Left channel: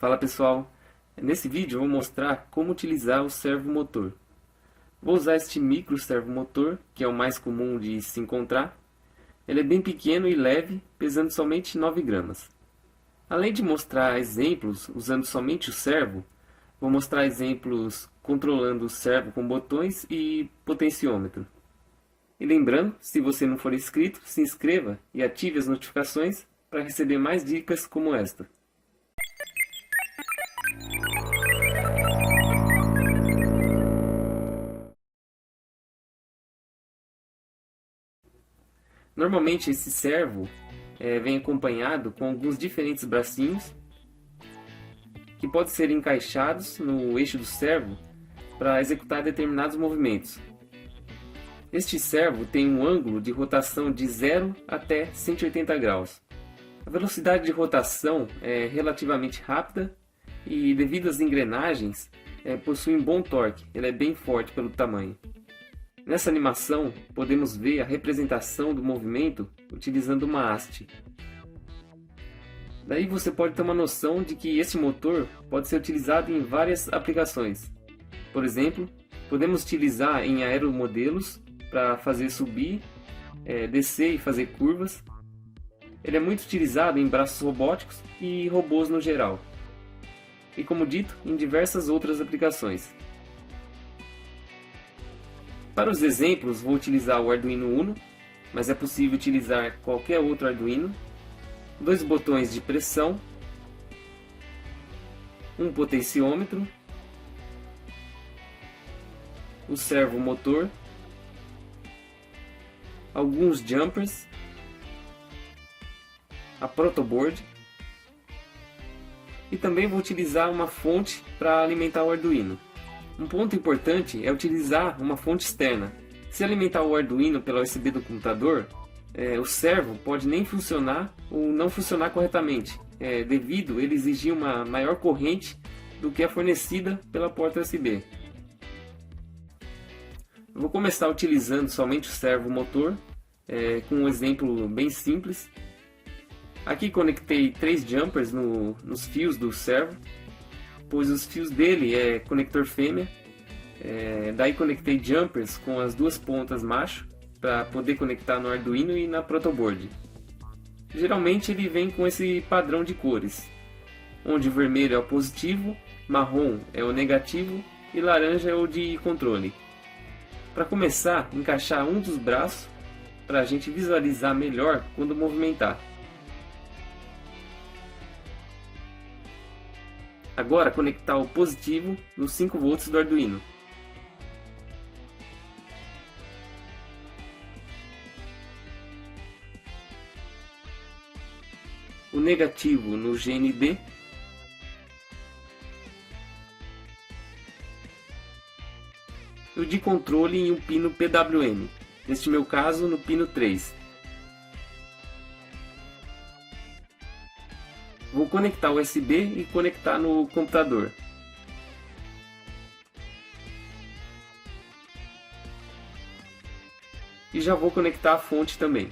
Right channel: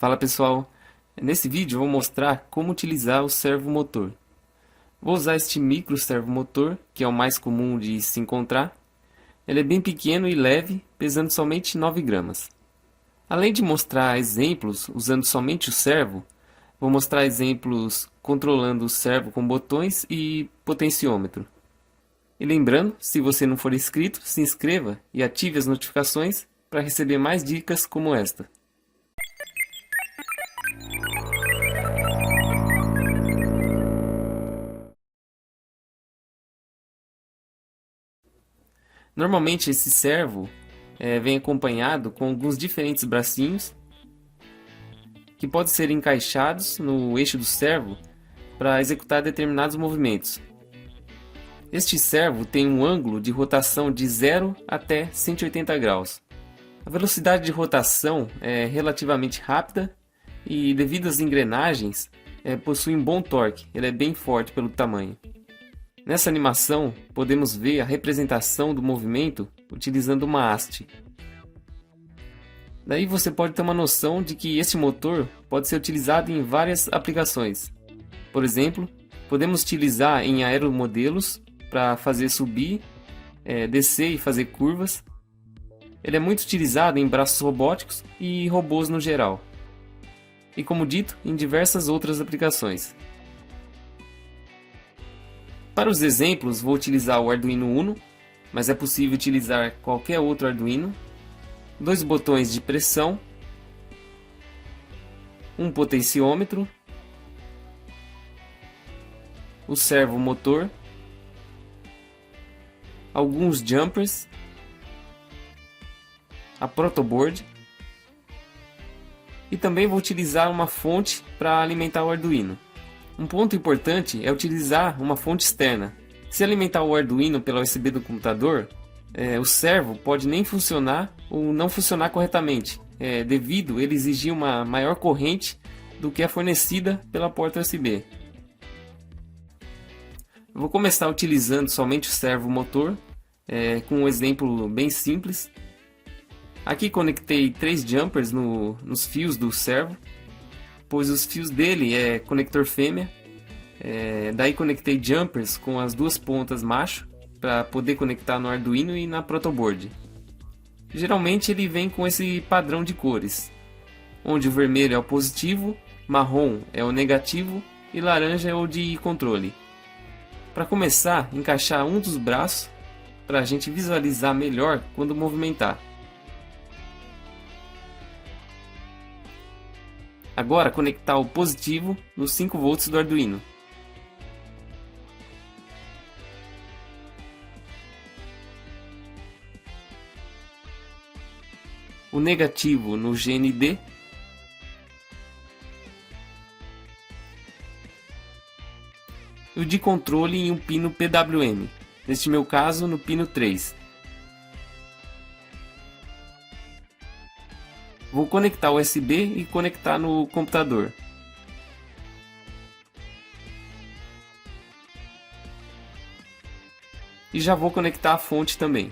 Fala pessoal, nesse vídeo eu vou mostrar como utilizar o servomotor. Vou usar este micro servomotor, que é o mais comum de se encontrar. Ele é bem pequeno e leve, pesando somente 9 gramas. Além de mostrar exemplos usando somente o servo, vou mostrar exemplos controlando o servo com botões e potenciômetro. E lembrando, se você não for inscrito, se inscreva e ative as notificações para receber mais dicas como esta. Normalmente esse servo vem acompanhado com alguns diferentes bracinhos que podem ser encaixados no eixo do servo para executar determinados movimentos. Este servo tem um ângulo de rotação de 0 até 180 graus. A velocidade de rotação é relativamente rápida e, devido às engrenagens, possui um bom torque. Ele é bem forte pelo tamanho. Nessa animação, podemos ver a representação do movimento utilizando uma haste. Daí você pode ter uma noção de que este motor pode ser utilizado em várias aplicações. Por exemplo, podemos utilizar em aeromodelos para fazer subir, descer e fazer curvas. Ele é muito utilizado em braços robóticos e robôs no geral. E como dito, em diversas outras aplicações. Para os exemplos, vou utilizar o Arduino Uno, mas é possível utilizar qualquer outro Arduino. 2 botões de pressão, um potenciômetro, o servomotor, alguns jumpers, a protoboard e também vou utilizar uma fonte para alimentar o Arduino. Um ponto importante é utilizar uma fonte externa. Se alimentar o Arduino pela USB do computador, o servo pode nem funcionar ou não funcionar corretamente, devido a ele exigir uma maior corrente do que a fornecida pela porta USB. Eu vou começar utilizando somente o servomotor, com um exemplo bem simples. Aqui conectei 3 jumpers nos fios do servo, pois os fios dele é conector fêmea. Daí conectei jumpers com as 2 pontas macho para poder conectar no Arduino e na protoboard. Geralmente ele vem com esse padrão de cores, onde o vermelho é o positivo, marrom é o negativo e laranja é o de controle. Para começar, encaixar um dos braços para a gente visualizar melhor quando movimentar. Agora conectar o positivo nos 5 volts do Arduino. O negativo no GND e o de controle em um pino PWM, neste meu caso no pino 3. Vou conectar o USB e conectar no computador. E já vou conectar a fonte também.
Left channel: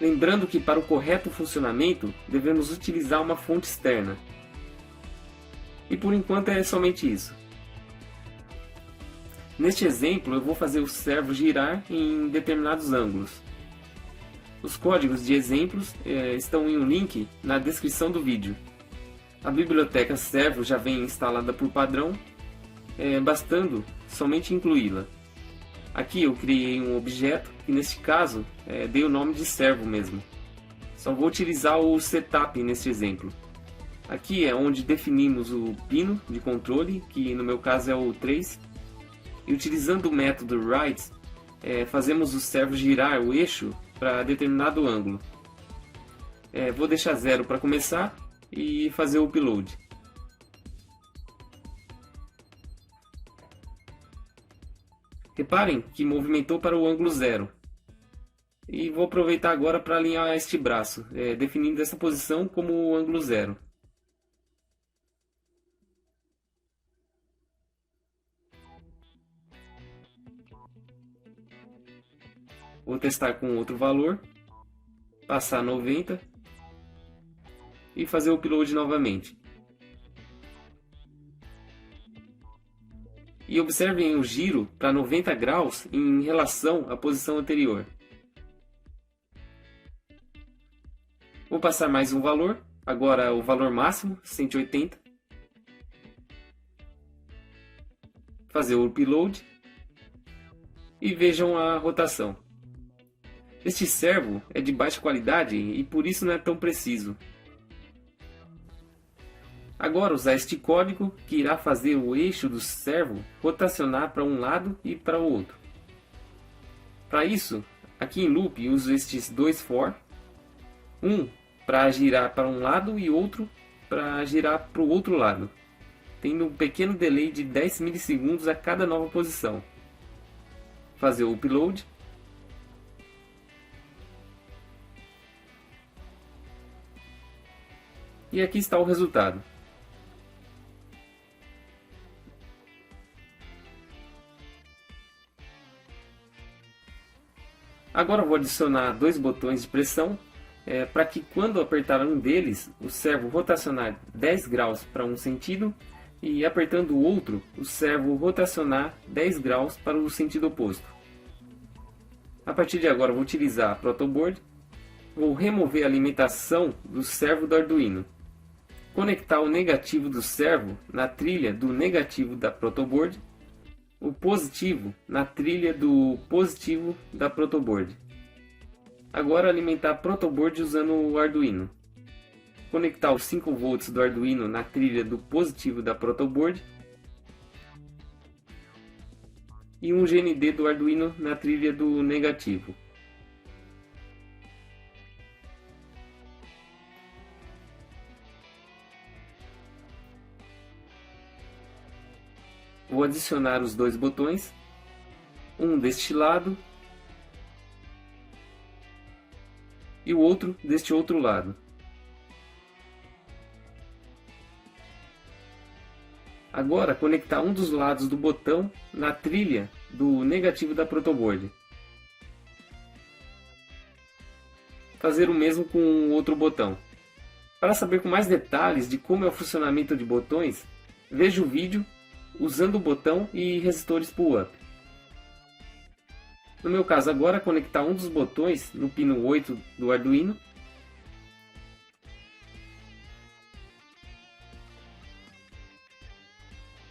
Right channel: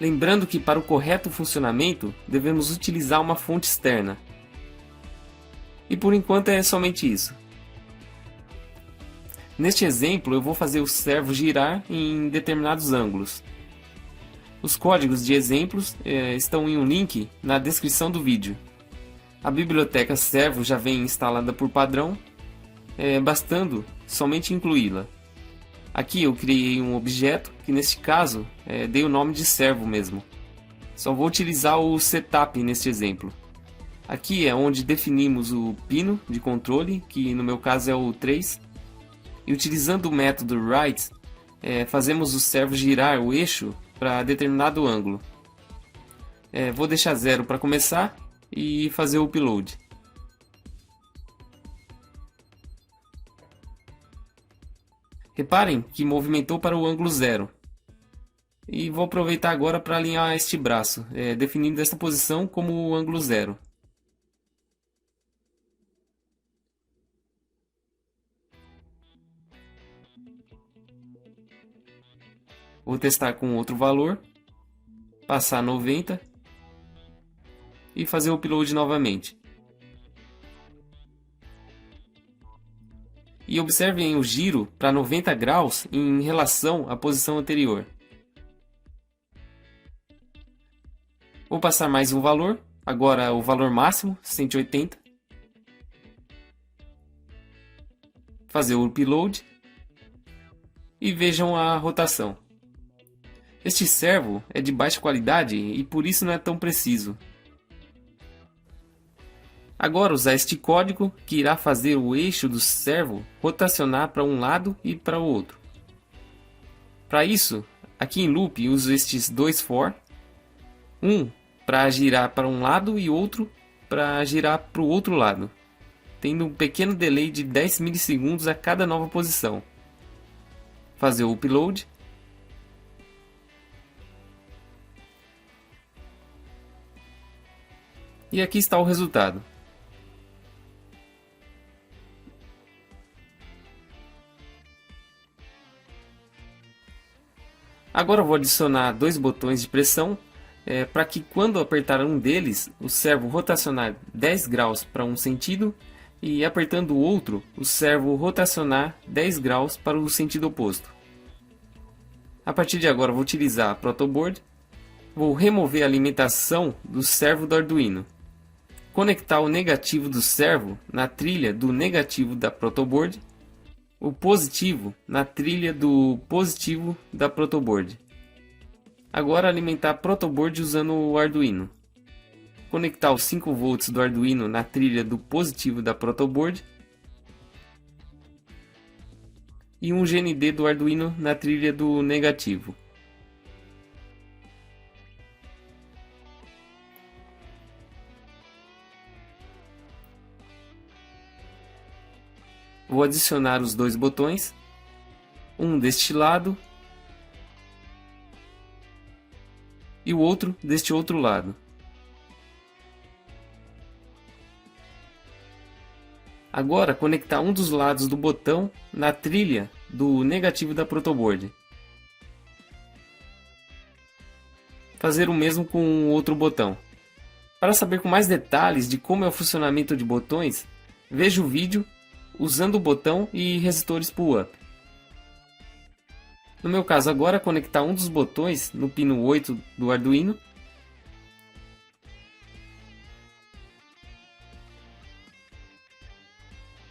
Lembrando que para o correto funcionamento devemos utilizar uma fonte externa. E por enquanto é somente isso. Neste exemplo eu vou fazer o servo girar em determinados ângulos. Os códigos de exemplos estão em um link na descrição do vídeo. A biblioteca servo já vem instalada por padrão, bastando somente incluí-la. Aqui eu criei um objeto que neste caso dei o nome de servo mesmo. Só vou utilizar o setup neste exemplo. Aqui é onde definimos o pino de controle, que no meu caso é o 3. E utilizando o método write, fazemos o servo girar o eixo para determinado ângulo. Vou deixar 0 para começar e fazer o upload. Reparem que movimentou para o ângulo 0. E vou aproveitar agora para alinhar este braço, definindo esta posição como o ângulo 0. Vou testar com outro valor, passar 90 e fazer o upload novamente. E observem o giro para 90 graus em relação à posição anterior. Vou passar mais um valor, agora o valor máximo, 180. Fazer o upload e vejam a rotação. Este servo é de baixa qualidade e por isso não é tão preciso. Agora usar este código que irá fazer o eixo do servo rotacionar para um lado e para o outro. Para isso, aqui em loop uso estes dois for, um para girar para um lado e outro para girar para o outro lado, tendo um pequeno delay de 10 milissegundos a cada nova posição. Fazer o upload. E aqui está o resultado. Agora vou adicionar dois botões de pressão para que quando apertar um deles, o servo rotacionar 10 graus para um sentido e apertando o outro, o servo rotacionar 10 graus para o sentido oposto. A partir de agora vou utilizar a protoboard, vou remover a alimentação do servo do Arduino, conectar o negativo do servo na trilha do negativo da protoboard, o positivo na trilha do positivo da protoboard. Agora alimentar a protoboard usando o Arduino. Conectar os 5 volts do Arduino na trilha do positivo da protoboard e um GND do Arduino na trilha do negativo. Vou adicionar os dois botões, um deste lado e o outro deste outro lado. Agora conectar um dos lados do botão na trilha do negativo da protoboard. Fazer o mesmo com o outro botão. Para saber com mais detalhes de como é o funcionamento de botões, veja o vídeo usando o botão e resistores pull-up. No meu caso agora, conectar um dos botões no pino 8 do Arduino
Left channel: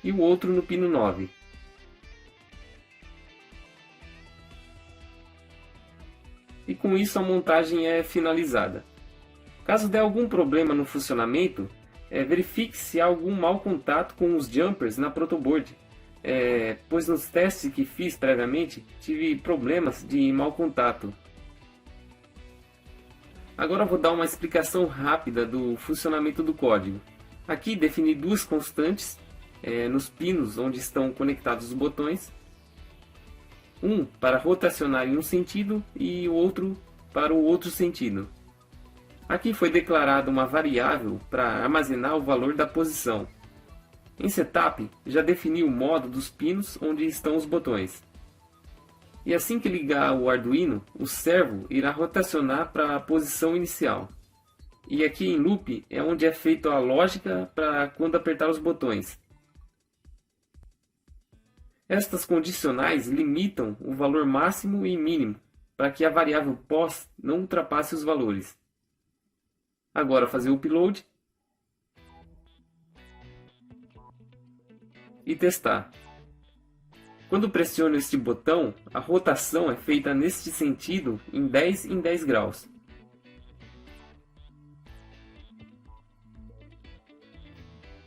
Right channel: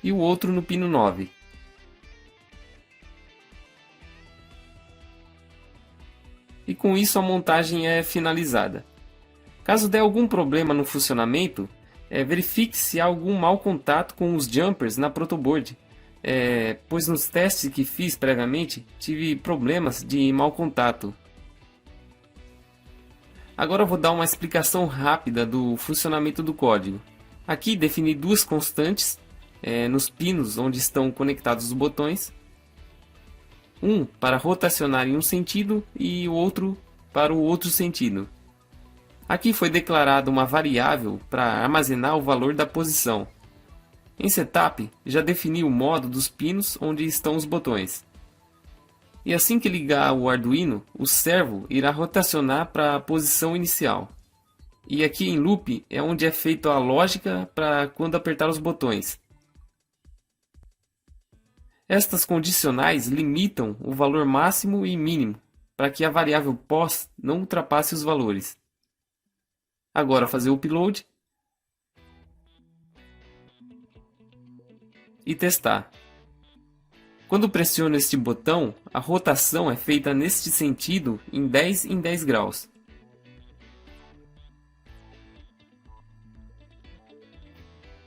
e o outro no pino 9. E com isso a montagem é finalizada. Caso dê algum problema no funcionamento, verifique se há algum mau contato com os jumpers na protoboard, pois nos testes que fiz previamente tive problemas de mau contato. Agora eu vou dar uma explicação rápida do funcionamento do código. Aqui defini duas constantes nos pinos onde estão conectados os botões, um para rotacionar em um sentido e o outro para o outro sentido. Aqui foi declarada uma variável para armazenar o valor da posição. Em Setup, já defini o modo dos pinos onde estão os botões. E assim que ligar o Arduino, o servo irá rotacionar para a posição inicial. E aqui em Loop é onde é feita a lógica para quando apertar os botões. Estas condicionais limitam o valor máximo e mínimo para que a variável pos não ultrapasse os valores. Agora fazer o upload e testar. Quando pressiono este botão, a rotação é feita neste sentido em 10 graus.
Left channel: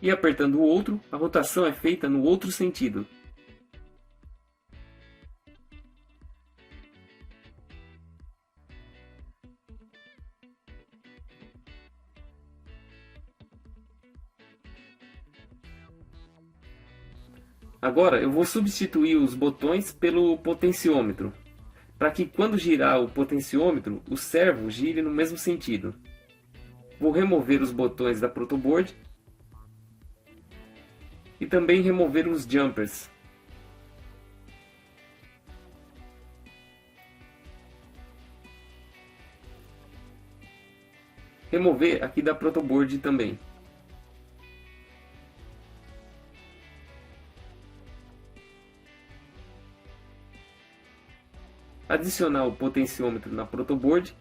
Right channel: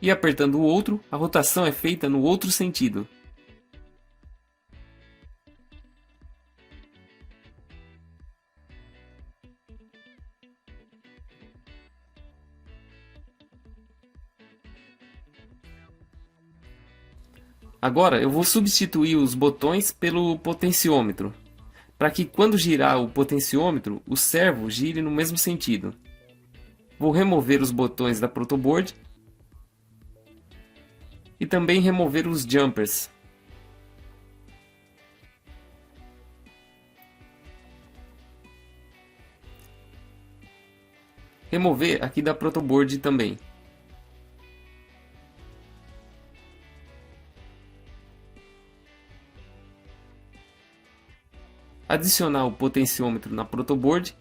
E apertando o outro, a rotação é feita no outro sentido. Agora eu vou substituir os botões pelo potenciômetro, para que quando girar o potenciômetro, o servo gire no mesmo sentido. Vou remover os botões da protoboard e também remover os jumpers. remover aqui da protoboard também. Adicionar o potenciômetro na protoboard.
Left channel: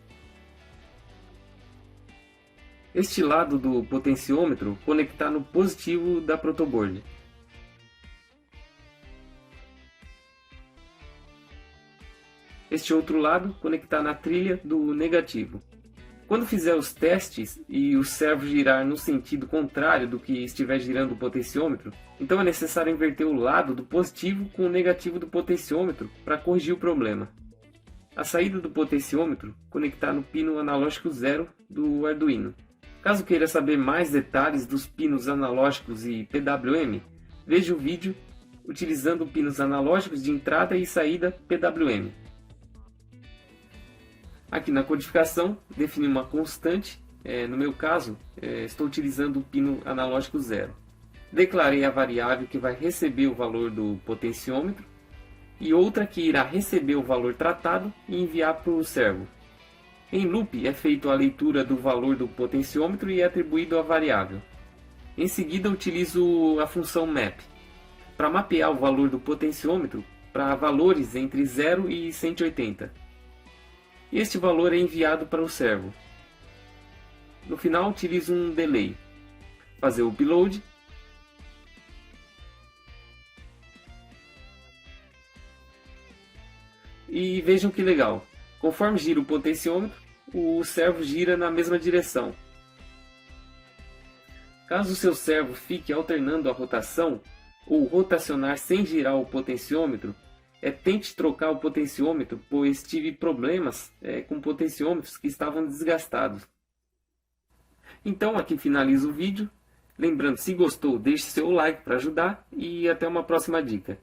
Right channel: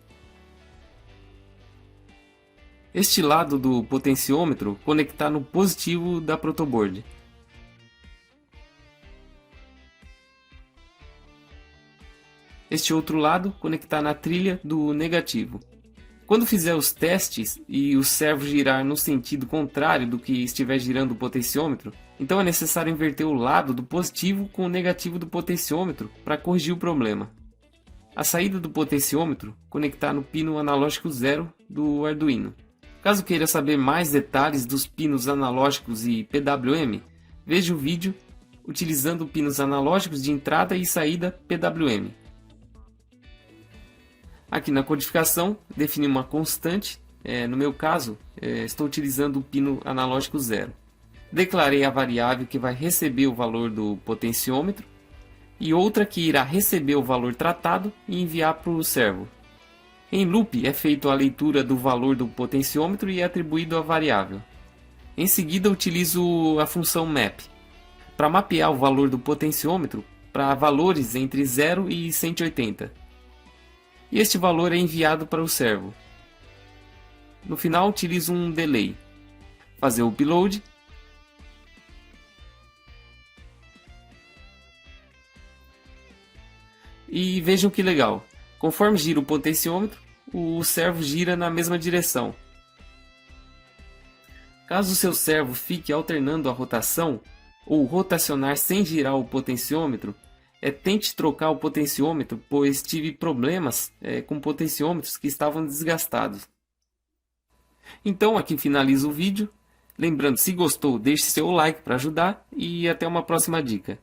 Este lado do potenciômetro conectar no positivo da protoboard. Este outro lado conectar na trilha do negativo. Quando fizer os testes e o servo girar no sentido contrário do que estiver girando o potenciômetro, então é necessário inverter o lado do positivo com o negativo do potenciômetro para corrigir o problema. A saída do potenciômetro conectar no pino analógico 0 do Arduino. Caso queira saber mais detalhes dos pinos analógicos e PWM, veja o vídeo utilizando pinos analógicos de entrada e saída PWM. Aqui na codificação, defini uma constante, no meu caso, estou utilizando o pino analógico 0. Declarei a variável que vai receber o valor do potenciômetro e outra que irá receber o valor tratado e enviar para o servo. Em loop é feita a leitura do valor do potenciômetro e é atribuído a variável. Em seguida utilizo a função map para mapear o valor do potenciômetro para valores entre 0 e 180. E este valor é enviado para o servo. No final utilizo um delay. Fazer o upload. E vejam que legal. Conforme gira o potenciômetro, o servo gira na mesma direção. Caso o seu servo fique alternando a rotação ou rotacionar sem girar o potenciômetro, tente trocar o potenciômetro, pois tive problemas com potenciômetros que estavam desgastados. Então aqui finalizo o vídeo. Lembrando, se gostou, deixe seu like para ajudar e até uma próxima dica.